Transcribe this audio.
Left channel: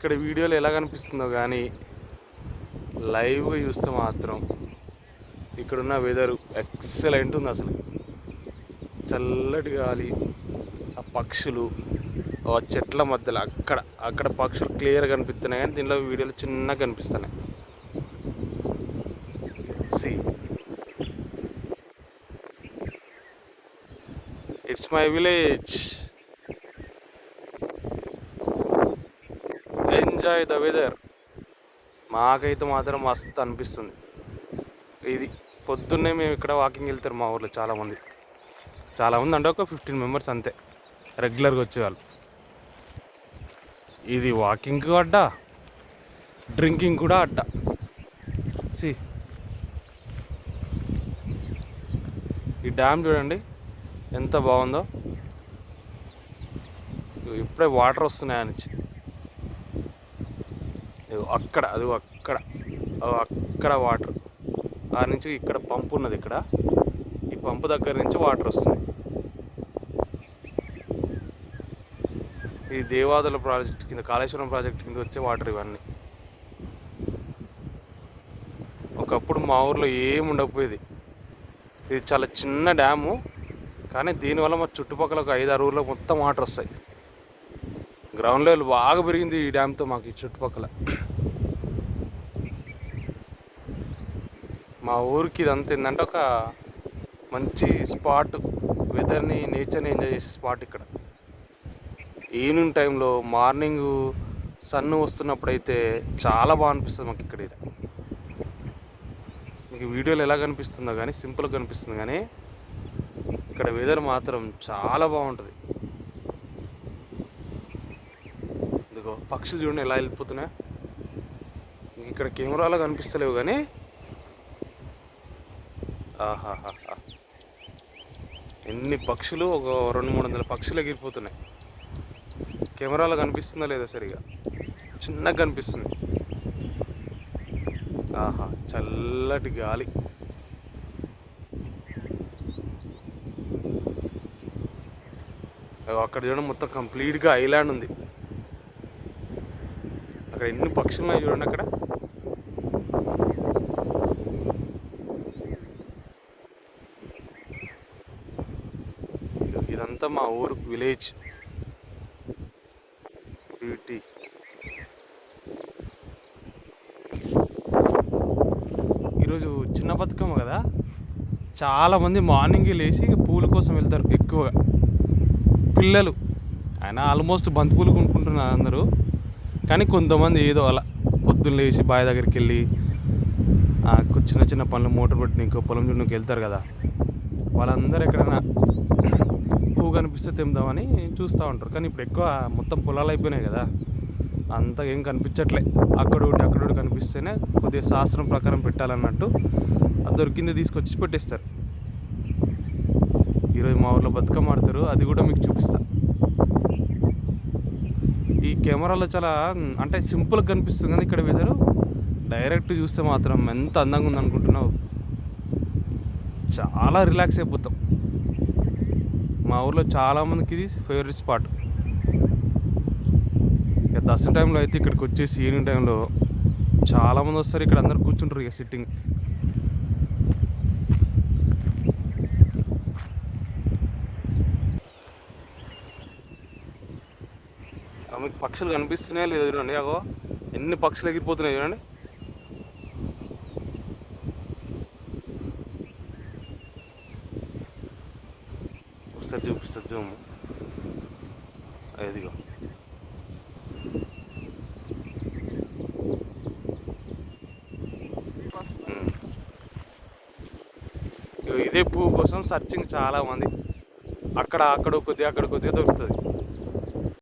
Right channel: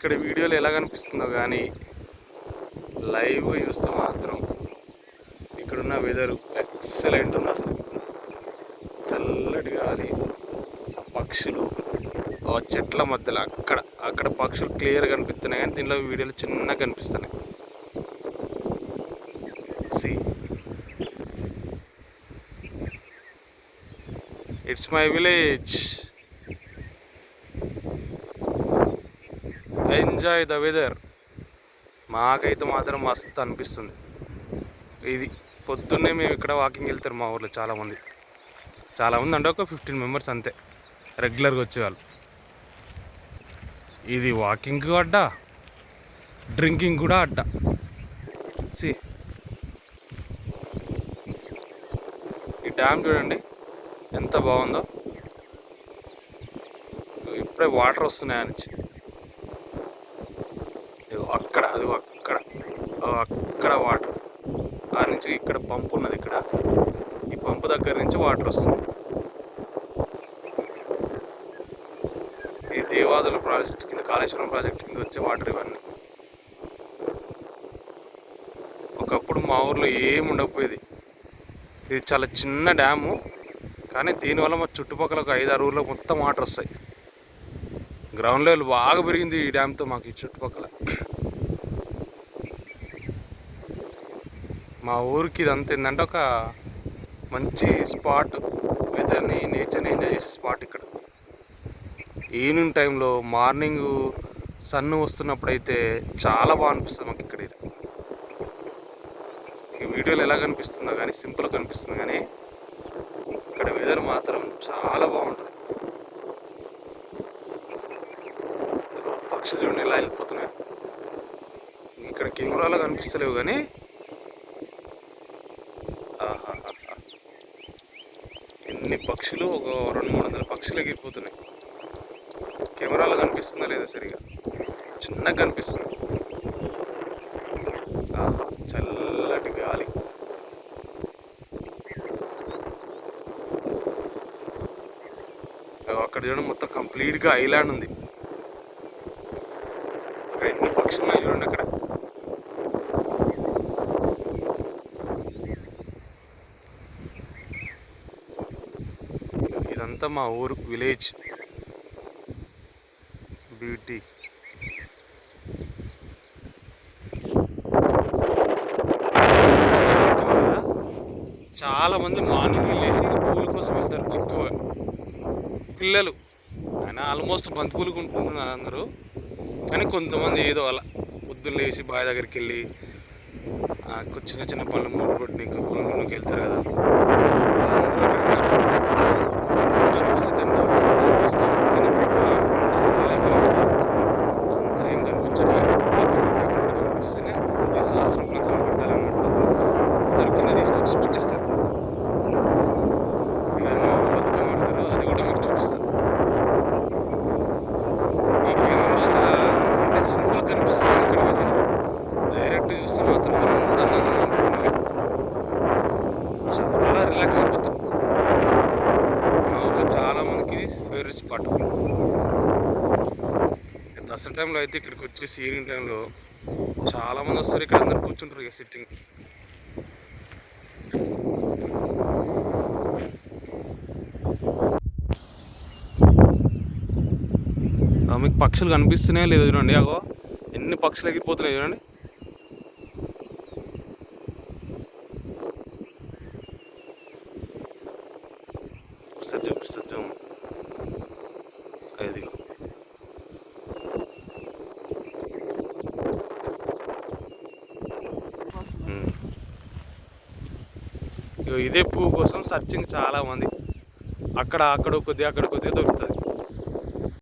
ఇక్కడ వీడియోలో ఎలా కనిపిస్తుందో కానీ లైవ్ చూస్తే మాత్రం ఇక్కడున్న వెదరు ఎక్సలెంట్ ఉంది. అసలు తెల్లటి గాలి, ఆ పక్షులు, ఆ చెట్ల మధ్యలో అక్కడ పక్షులు క్లియర్ కనిపిస్తున్నాయి కానీ దీనిలో వీడియోలు చిన్నగా కనిపిస్తున్నాయి. See it's my village. Enjoy the weather. మాకైతే మాత్రం మస్తు అనిపిస్తుంది. ఇది పొద్దున్నే మేము ఇక్కడ వాకింగ్ వెళ్తారు మా ఊర్లో చాలామంది అంటే ఒక 15 మెంబర్స్ అంతే రెగ్యులర్గా వచ్చేవాళ్ళు. ఇది వాకింగ్ అడ్డా, డ్రింకింగ్ కూడా అడ్డా. సి ఈ డ్యామ్ చూడండి ఎంత బాగుందో. ఇప్పుడే వాటర్ వస్తున్నాయి నుంచి. అక్కడ వాటర్ ఆ నుంచి ఇక్కడ పంపు ఉన్నది. ఇక్కడ ఈ పంపు దగ్గర నుంచి వాటర్ వస్తుంది. ఈ దేవాదుల ప్రాజెక్ట్ కింద, కాళేశ్వరం ప్రాజెక్ట్ కింద వచ్చే వాటర్ ఇవన్నీ. ఒకప్పుడు మా ఊర్లో ఏమి ఉండకపోయేది. ఇది చాలా చిన్న డ్యాము కానీ దీనివల్ల మా చుట్టుపక్కల ఒక 5-6 ఊర్లో మొత్తం వాటర్ వస్తాయి. గ్రౌండ్ లెవెల్ బాగా పెరిగింది ఈ డ్యామ్తో మాకు. ఈ చుట్టుపక్కల మా ఊరికి ఇదంతా ఏంటంటే ఒక మంచి స్పాట్, వెదర్ని, నేచర్ని ఎంజాయ్ చేసే స్పాట్ ఇక్కడ. ఈవినింగ్ టైంలో మార్నింగ్ సన్ వస్తున్నప్పుడు అయితే చాలా బాగా అనిపిస్తుంది మాకు ఇక్కడ. మీకు వీడియోలో ఎలా కనిపిస్తుందో కానీ సింపుల్గా కనిపిస్తుంది కానీ ఇక్కడ వెదర్ మాత్రం చాలా బాగుంటుంది. పక్షులు చూడండి ఎలా వెళ్ళిపోతున్నాయి. ఇక్కడ కెమెరాలో కనిపిస్తలేవు కానీ ఆహాహా, ఎన్ని పక్షులు, ఒక 200-300 పక్షులు ఎగిరిపోతున్నాయి. కెమెరాలో కనిపిస్తుందా లేదా సరిగా, చిన్నగా కనిపిస్తుంది. ఆహా, చల్లటి గాలి. అక్కడ చూడండి మొత్తం కంప్లీట్గా ఐలాండ్ ఉంది. అక్కడ ఎన్ని పక్షులు ఉన్నాయి చూడండి. అక్కడ ఇదంతా మా ఊరు విలేజ్ బ్యూటీ. చాలామంది మార్నింగ్ లేచి పూల కోసం వెళ్తారు ఎక్కువగా. పిల్లలు అయినా ఆల్మోస్ట్ బంతిపూలు కొనుక్కుంటున్నారు అందరూ. కానీ కొంతమంది ఏదో అలా పొద్దున్న లేచి బావి దగ్గరికి వెళ్ళి చిన్న చిన్న పనులు మోటార్ పట్టి ఇంకా పొలం నుంచి వెళ్తారు కదా, వాళ్ళందరూ ఎక్కడైనా పూలు కనిపిస్తే తిందామని చూస్తాం. కానీ ఇప్పుడు ఎక్కువ అంత పొలాలు అయిపోయినాయి కదా, అంతగా ఏం కనిపించట్లేదు. అక్కడ కనిపిస్తేనే కొద్దిగా శాస్త్రం ప్రకారం పెట్టాలన్నట్టు దొరికింది తీసుకొచ్చి పెట్టేస్తారు. ఈరోజు మా ఊళ్ళో బతుకమ్మ ఆడతారు, అది కూడా మీకు చూపిస్తాను. ఈ కెమెరాలో చాలా అంటే సింపుల్గా కనిపిస్తుంది. ఇక్కడ వెదర్ డైరెక్ట్ చూస్తే మాత్రం ఎంత అందంగా ఉందనుకుంటున్నాను. చాలా రిలాక్స్ అయిపోతాం. మా ఊళ్ళో చాలామందికి ఇది ఫేవరెట్ స్పాట్. ఇక దసరా టైంలో అయితే ఇక్కడికి వచ్చేసి ఈవినింగ్ టైంలో చాలామంది వస్తారు. ఇక్కడ అందరు కూర్చుంటారు ఇక సిట్టింగ్. మీకు పక్షులు కనిపిస్తున్నాయో లేదో చూడండి. అగో ఎన్ని పక్షులు ఎగిరిపోతున్నాయి చూడండి. ఒకసారి చూపిస్తుంది జూమ్. ఇదిగో ఇదే పువ్వు కోసం సర్చింగ్ చాలామంది. అక్కడ కొద్దిగా దొరుకుతుంది.